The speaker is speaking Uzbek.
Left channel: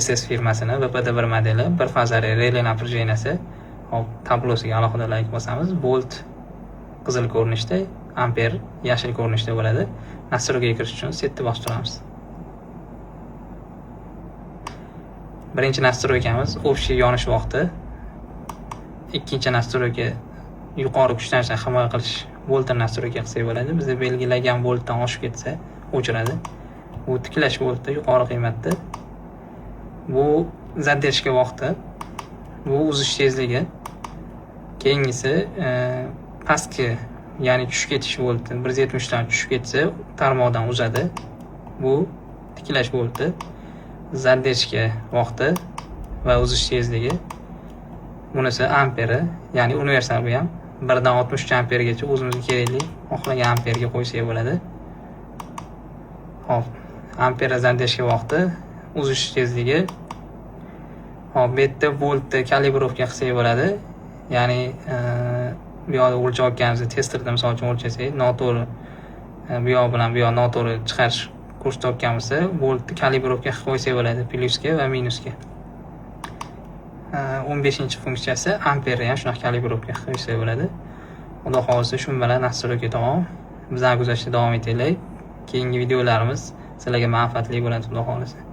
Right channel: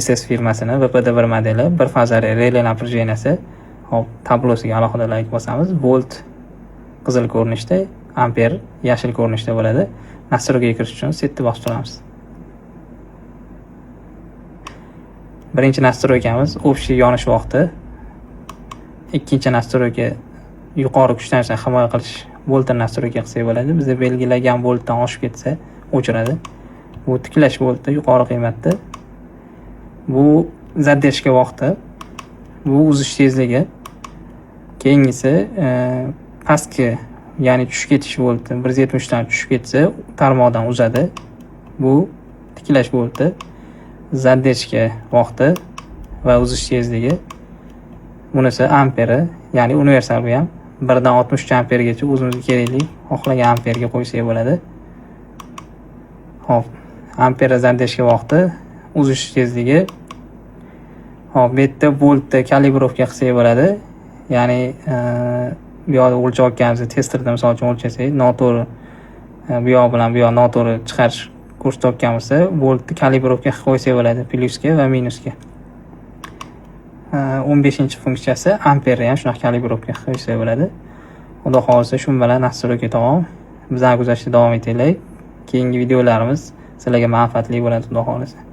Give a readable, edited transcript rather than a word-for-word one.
SS firmasini VPD1 modeli bir fazali relay напряженияsi. Hop, tablosiga alohida like bosamiz. Volt qizil ko'rinishda, amper yashil ko'rinishda bo'ladi. Nastroykaga kirish uchun setni bosib turamiz. Birinchi nastroykamiz общий yonish vaqti. Ikkinchi nastroyka yuqori kuchlanishdan himoya qilish voltni nastroyka qilsak bo'ladi. Bizda belgilagan voltdan oshib ketsa o'chiradi. Bu tiklash volti yuqori qiymatda. Bu zadержка vaqti. Bu uzish tezligi. Keyingisi pastki, ya'ni tushib ketish volti 170 dan tushib ketsa tarmoqdan uzadi. Bu tiklash volti. Zadержка vaqti va uzish tezligi. Bunisi amperi, ya'ni universal bu ham 1 dan 60 ampergacha o'zimizga kerakli xohlagan amperga qo'ysak bo'ladi. Hop, amper zadержка vaqti, uzish tezligi. Hop, bu yerda voltda kalibrovka qilsak bo'ladi. Ya'ni bu yoqda o'lchayotganimiz testerda misol uchun o'lchasak, noto'g'ri bu yoq bilan bu yoq noto'g'ri chiqarish ko'rsatayotgan bo'lsa, voltni kalibrovka qilib qo'ysak bo'ladi, plyusga va minusga. 15-funksiyasi amperni ham shunaqa kalibrovka qilib qo'ysak bo'ladi. Xudo xolisa shu bilan nastroyka tamom. Bizlarni kuzatishda davom etinglar. Keyingi videolarimiz sizlarga manfaatli bo'ladi, xudo xolisa.